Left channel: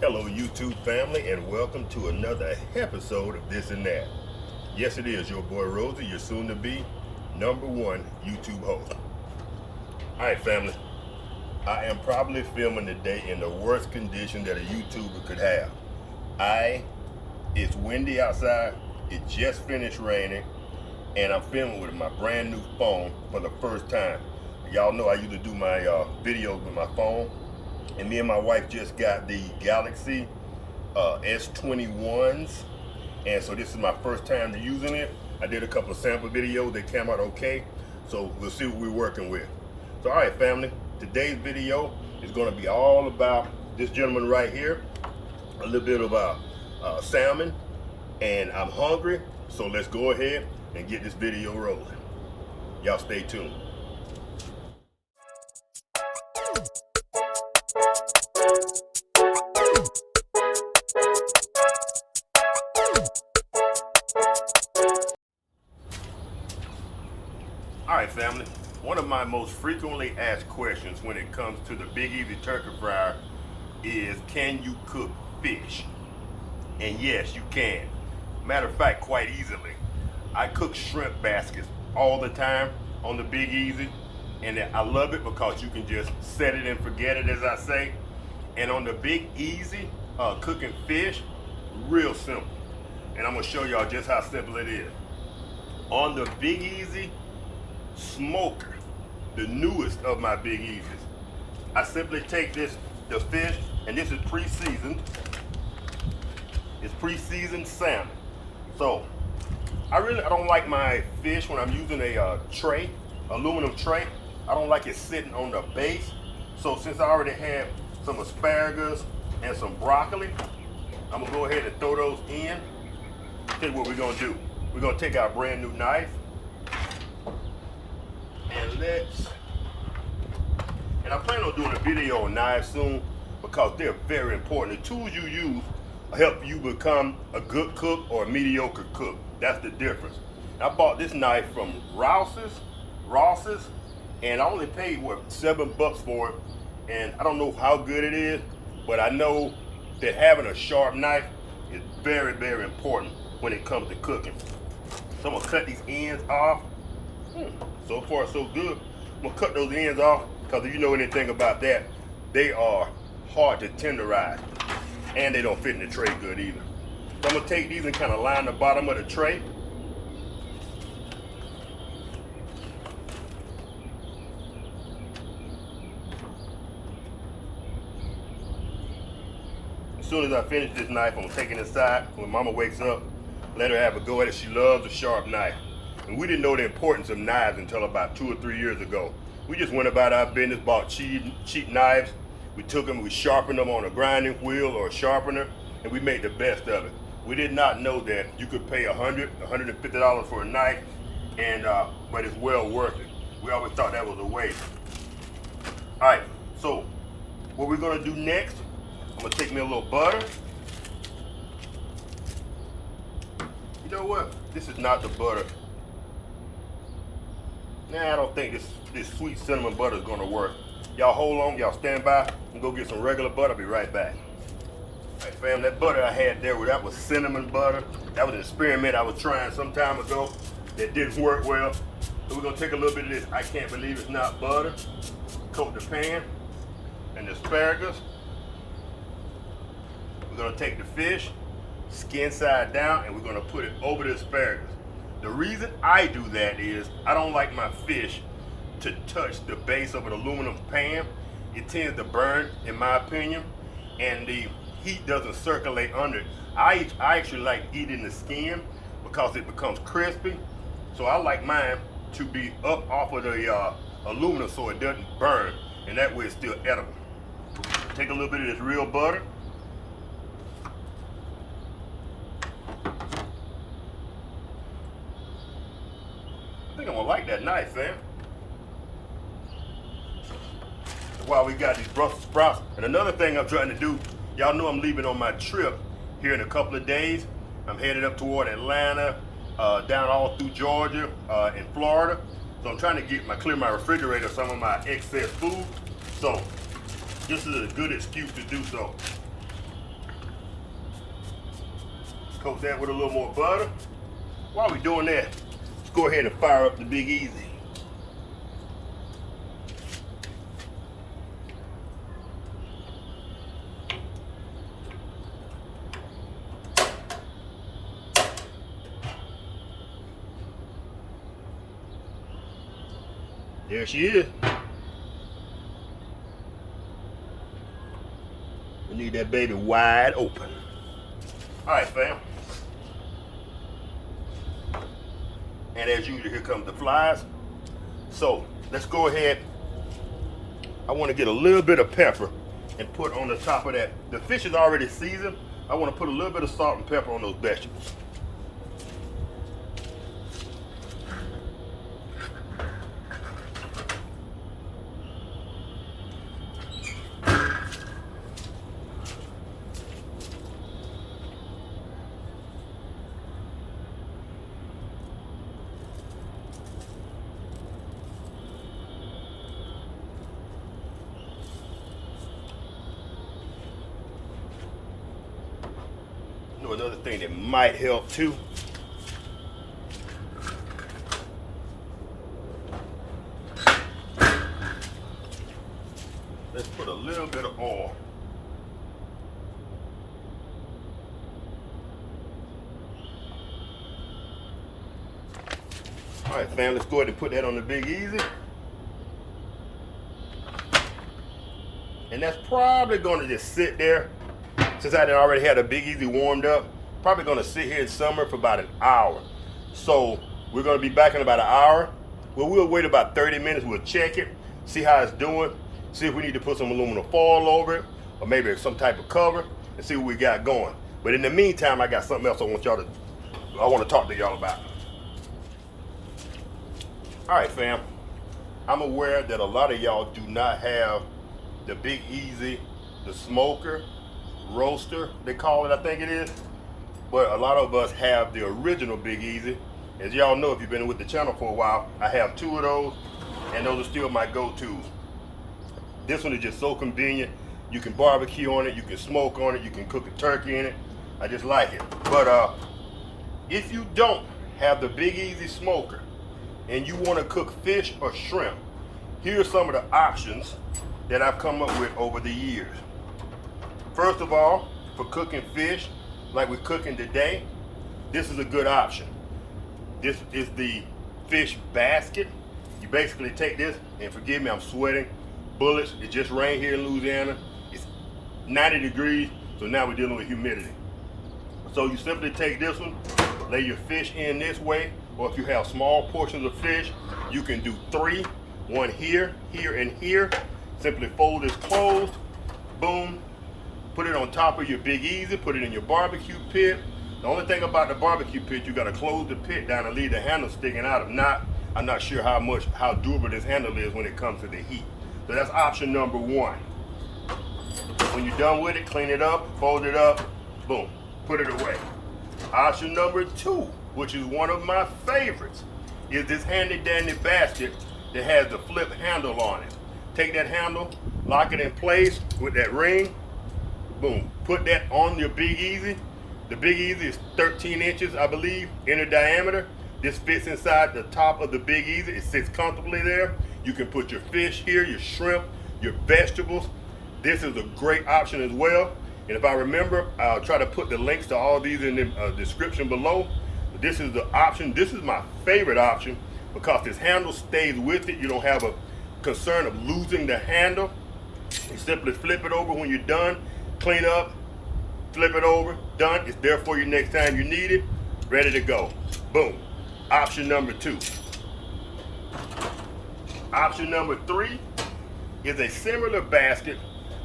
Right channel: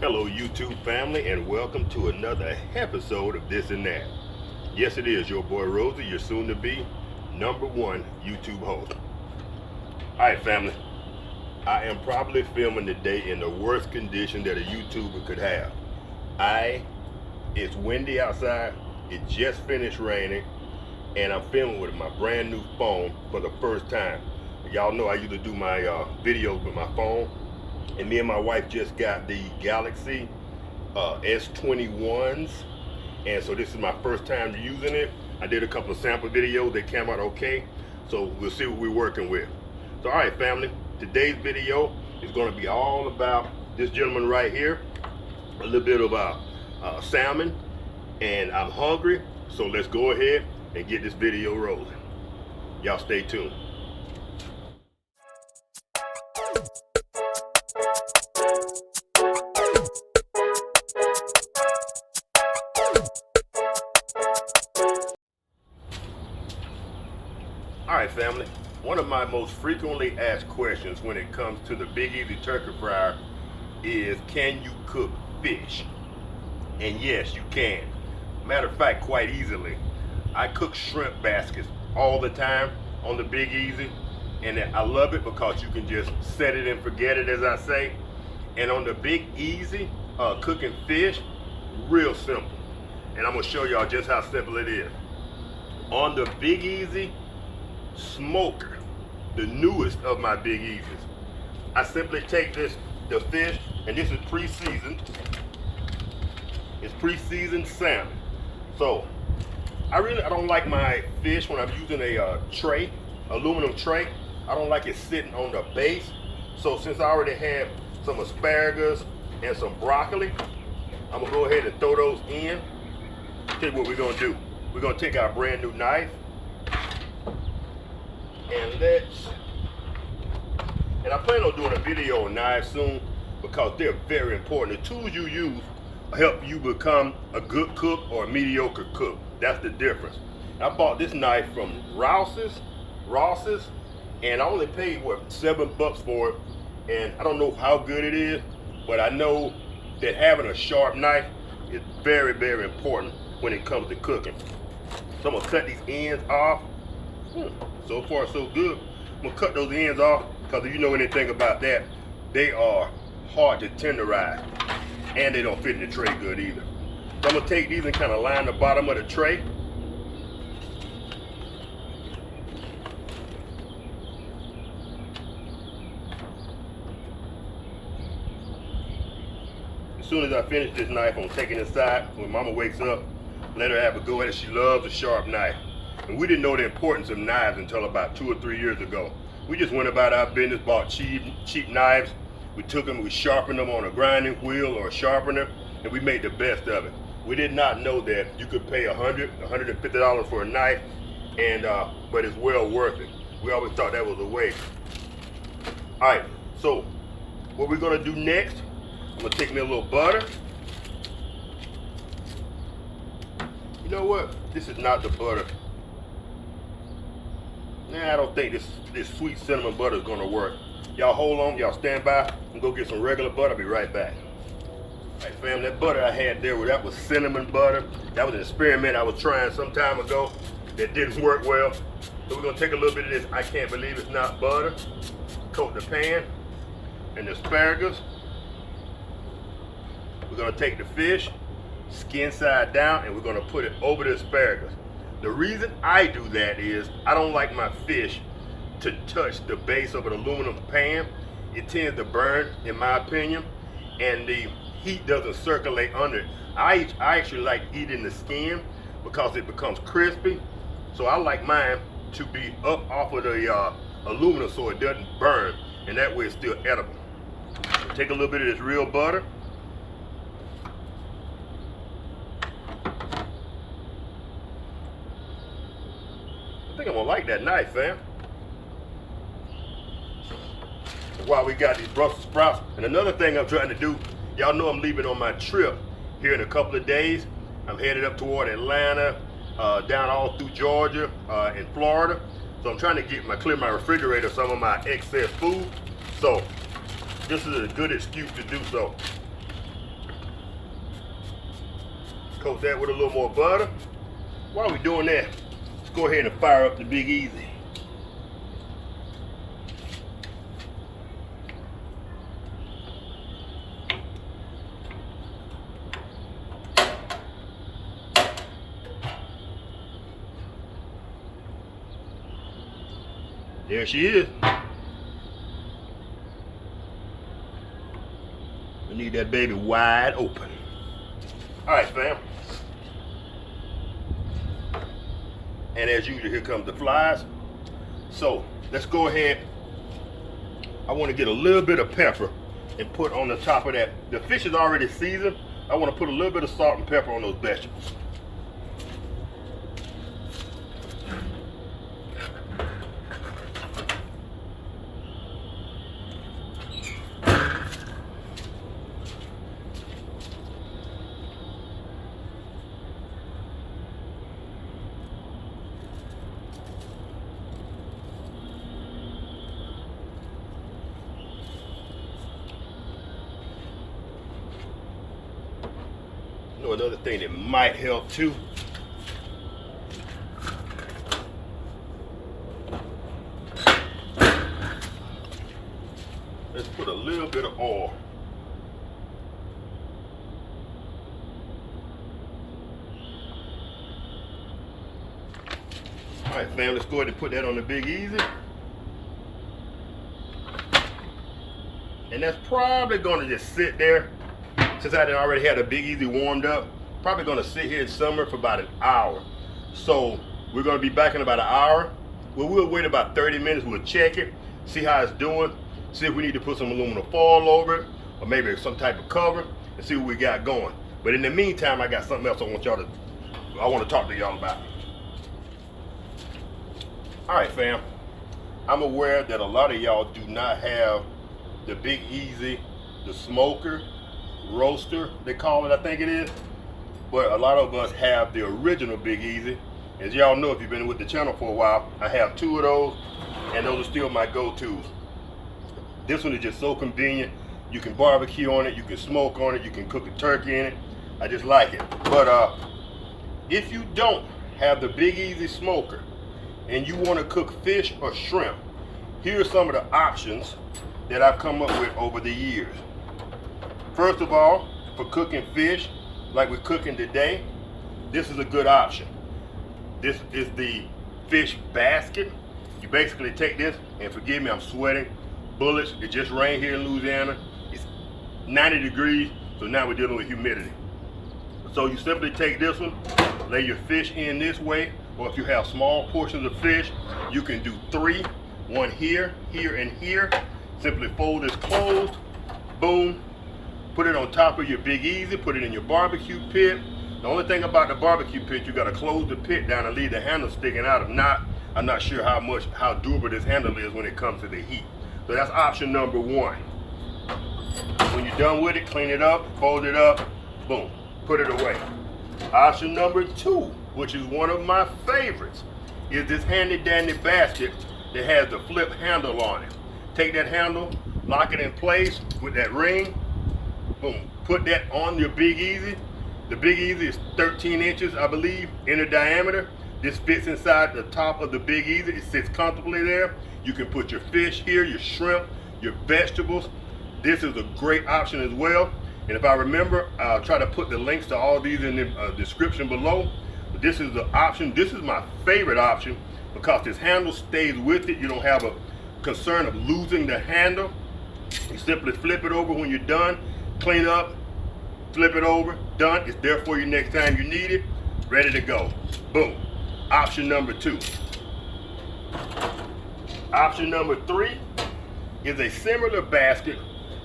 Hello YouTube family, and welcome to another episode of This and That. Yes, it is your boy Rosel, your soon to be #1 YouTube host. Alright family, I am probably filming today in the worst condition that a YouTuber could have. It's windy outside, it just finished raining, and I'm filming with my brand new phone for the first time. Y'all know I usually do my videos with my phone, and me and my wife just got the Galaxy S21s, and so this is my first time using it. I did a couple of sample videos, they came out okay, so we'll see what we're working with. So alright family, today's video is going to be all about this gentleman right here, a little bit of salmon, and I'm hungry, so let's go ahead and get this video rolling. Y'all stay tuned. Alright family, one of my most frequently asked questions when it comes to the Big Easy Turkey Fryer is, can you cook fish? And yes, you can. Matter of fact, quite easily. I cook shrimp baskets all the time on the Big Easy, and I love it because you can just set it and forget it, as I say. And on the Big Easy, cooking fish, real simple. And I'm gonna show y'all just how simple it is. On the Big Easy Smoker, the newest of my Big Easies, I simply take the fish, and this is pre-seasoned. It's pre-seasoned salmon. So I don't like my fish when I'm using a tray, aluminum tray. I don't like it sitting on the base. So since I already had some asparagus and some broccoli, I'm gonna go ahead and throw those in. Tell you what we're gonna do. We're gonna take our brand new knife, and I plan on doing a video on knives soon because they're very important. The tools you use help you become a good cook or a mediocre cook. That's the difference. I bought this knife from Ross's, and I only paid, what, $7 for it. And I don't know how good it is, but I know that having a sharp knife is very, very important when it comes to cooking. So I'm gonna cut these ends off. So far so good. I'm gonna cut those ends off because if you know anything about that, they are hard to tenderize, and they don't fit in the tray good either. So I'm gonna take these and kind of line the bottom of the tray. As soon as I finish this knife, I'm taking it aside. When Mama wakes up, let her have a go at it. She loves a sharp knife. And we didn't know the importance of knives until about 2 or 3 years ago. We just went about our business, bought cheap knives. We took them, we sharpened them on a grinding wheel or a sharpener, and we made the best of it. We did not know that you could pay $100, $150 for a knife, and but it's well worth it. We always thought that was a waste. All right, so what we're gonna do next, I'm gonna take me a little butter. You know what? This is not the butter. Nah, I don't think this sweet cinnamon butter is gonna work. Y'all hold on, y'all stand by. I'm gonna go get some regular butter, I'll be right back. All right fam, that butter I had there, that was cinnamon butter. That was an experiment I was trying some time ago that didn't work well. So we're gonna take a little bit of this, I can't believe it's not butter. Coat the pan and the asparagus. We're gonna take the fish, skin side down, and we're gonna put it over the asparagus. The reason I do that is I don't like my fish to touch the base of an aluminum pan. It tends to burn, in my opinion, and the heat doesn't circulate under it. I actually like eating the skin because it becomes crispy. So I like mine to be up off of the aluminum so it doesn't burn, and that way it's still edible. Take a little bit of this real butter. I think I'm gonna like that knife, fam. While we got these Brussels sprouts. And another thing I'm trying to do, y'all know I'm leaving on my trip here in a couple of days. I'm headed up toward Atlanta, down all through Georgia, in Florida. So I'm trying to clear my refrigerator of some of my excess food. So this is a good excuse to do so. Coat that with a little more butter. While we're doing that, let's go ahead and fire up the Big Easy. There she is. We need that baby wide open. All right, fam. And as usual, here comes the flies. So let's go ahead. I want to get a little bit of pepper and put on the top of that. The fish is already seasoned. I want to put a little bit of salt and pepper on those vegetables. You know, another thing that might help too. Let's put a little bit of oil. All right, fam, let's go ahead and put that on the Big Easy. And that's probably gonna just sit there. Since I already had a Big Easy warmed up, probably gonna sit here and simmer for about an hour. So we're gonna be back in about an hour. Well, we'll wait about 30 minutes, we'll check it, see how it's doing, see if we need to put some aluminum foil over it, or maybe some type of cover, and see what we got going. But in the meantime, I got something else I want to talk to y'all about. All right, fam. I'm aware that a lot of y'all do not have the Big Easy, the smoker, roaster, they call it, I think it is. But a lot of us have the original Big Easy. As y'all know, if you've been with the channel for a while, I have two of those, and those are still my go-tos. This one is just so convenient. You can barbecue on it, you can smoke on it, you can cook a turkey in it. I just like it. But if you don't have the Big Easy smoker and you want to cook fish or shrimp, here are some of the options that I've come up with over the years. First of all, for cooking fish like we're cooking today, this is a good option. This is the fish basket. You basically take this, and forgive me, I'm sweating bullets. It just rained here in Louisiana. It's 90 degrees, so now we're dealing with humidity. So you simply take this one, lay your fish in this way, or if you have small portions of fish, you can do three, one here, here, and here. Simply fold this closed, boom, put it on top of your Big Easy, put it in your barbecue pit. The only thing about the barbecue pit, you gotta close the pit down and leave the handle sticking out. If not, I'm not sure how durable this handle is when it comes to the heat. So that's option number one. When you're done with it, clean it up, fold it up, boom, put it away. Option number two, which is one of my favorites, is this handy dandy basket that has the flip handle on it. Take that handle, lock it in place with that ring, boom, put that on your Big Easy. The Big Easy is 13 inches, I believe, inner diameter. This fits inside the top of the Big Easy. It sits comfortably there. You can put your fish here, your shrimp, your vegetables. This is a great option as well. And if I remember, I'll try to put the links to all these in the description below. But this is the option. This is my favorite option because this handle stays with it. You don't have a concern of losing the handle. You simply flip it over when you're done, clean up, flip it over, done. It's there for you next time you need it, ready to go. Boom. Option number two. Option number three is a similar basket.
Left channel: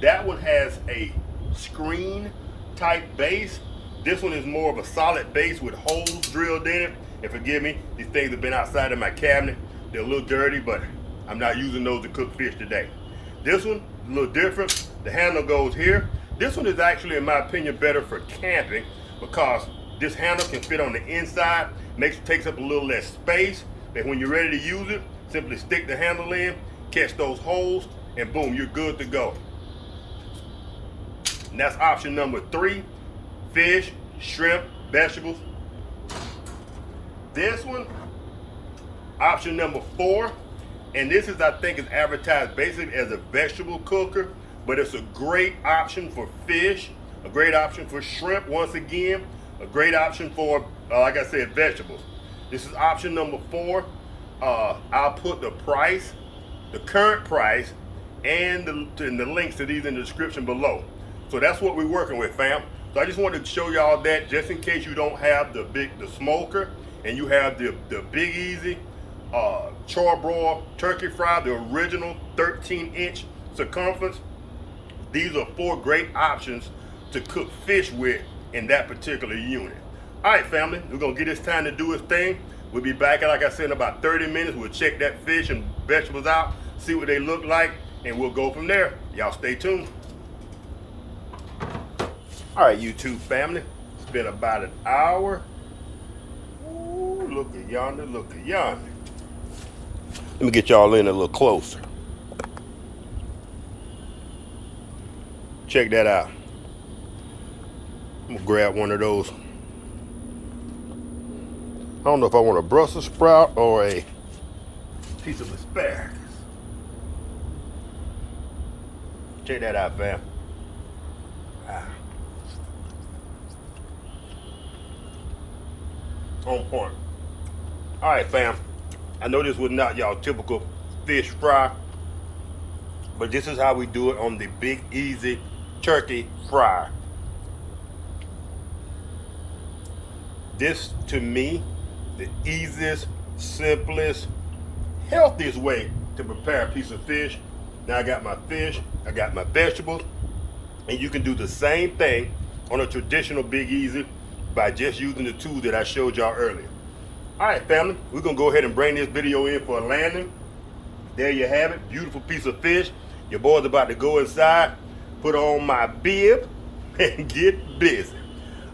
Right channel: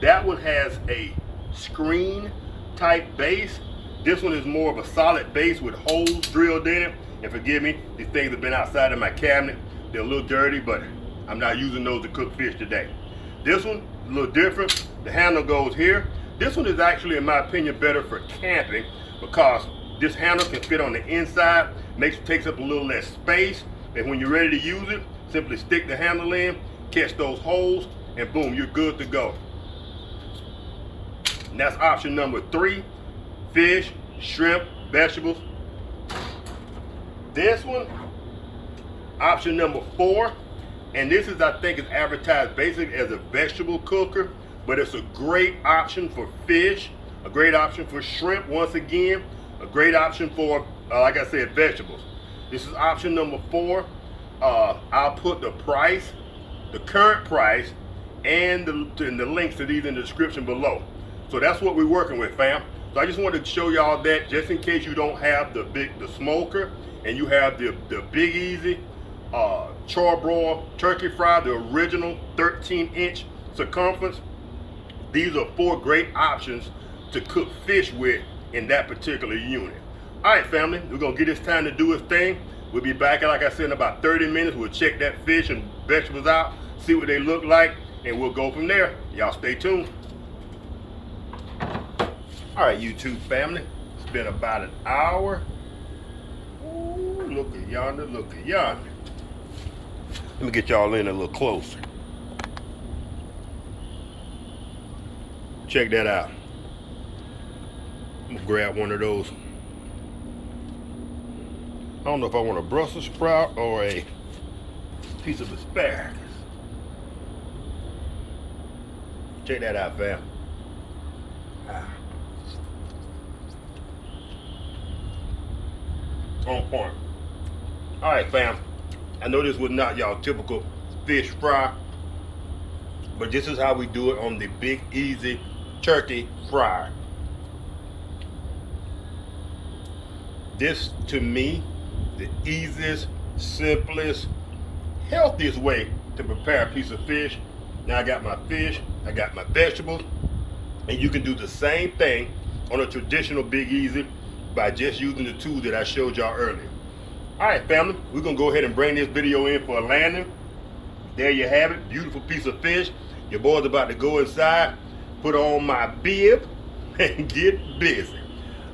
That one has a screen type base. This one is more of a solid base with holes drilled in it. And forgive me, these things have been outside of my cabinet. They're a little dirty, but I'm not using those to cook fish today. This one, a little different. The handle goes here. This one is actually, in my opinion, better for camping because this handle can fit on the inside, takes up a little less space. And when you're ready to use it, simply stick the handle in, catch those holes, and boom, you're good to go. And that's option number three. Fish, shrimp, vegetables. This one, option number 4, and this is, I think, is advertised basically as a vegetable cooker, but it's a great option for fish, a great option for shrimp, once again, a great option for, like I said, vegetables. This is option number 4. I'll put the price, the current price, and the links to these in the description below. So that's what we're working with, fam. So I just wanted to show y'all that, just in case you don't have the smoker and you have the Big Easy Charbroil turkey fry, the original 13-inch circumference. These are 4 great options to cook fish with in that particular unit. All right, family, we're gonna get this time to do its thing. We'll be back, like I said, in about 30 minutes. We'll check that fish and vegetables out, see what they look like, and we'll go from there. Y'all stay tuned. All right, YouTube family, it's been about an hour. Ooh, look at yonder, look at yonder. Let me get y'all in a little closer. Check that out. I'm gonna grab one of those. I don't know if I want a Brussels sprout or a piece of asparagus. Check that out, fam. On point. All right, fam. I know this was not y'all typical fish fry, but this is how we do it on the Big Easy turkey fryer. This, to me, the easiest, simplest, healthiest way to prepare a piece of fish. Now I got my fish, I got my vegetables, and you can do the same thing on a traditional Big Easy by just using the tools that I showed y'all earlier. All right, family, we're gonna go ahead and bring this video in for a landing. There you have it, beautiful piece of fish. Your boy's about to go inside, put on my bib, and get busy.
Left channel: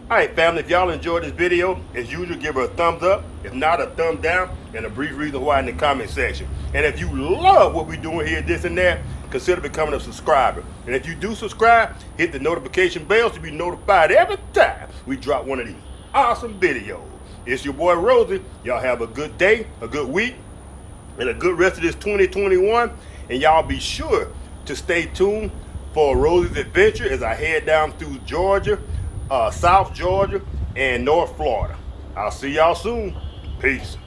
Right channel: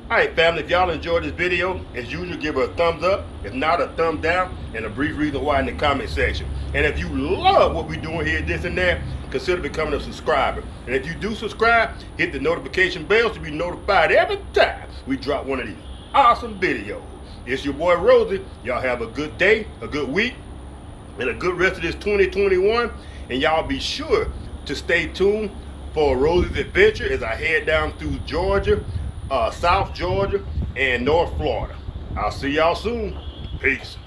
All right, family, if y'all enjoyed this video, as usual, give her a thumbs up. If not, a thumb down, and a brief reason why in the comment section. And if you love what we're doing here, this and that, consider becoming a subscriber. And if you do subscribe, hit the notification bell to be notified every time we drop one of these awesome videos. It's your boy Rosel. Y'all have a good day, a good week, and a good rest of this 2021. And y'all be sure to stay tuned for Rosel's adventure as I head down through Georgia, South Georgia, and North Florida. I'll see y'all soon. Peace.